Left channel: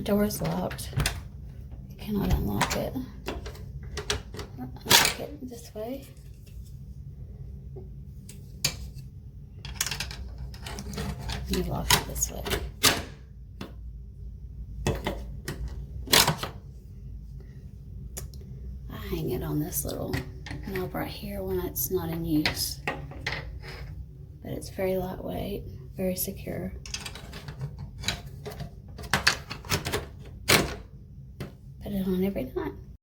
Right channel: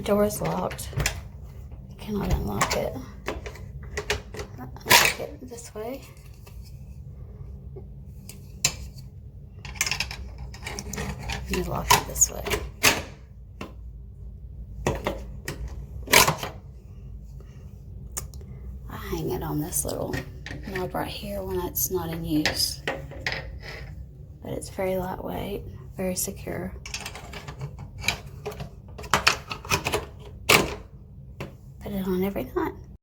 The door is locked. You cannot unlock it. Unlock it this way. You lock it this way. I hang it on this little knob right here when it's not in use. But it's very lightweight, very secure. Put it on every night.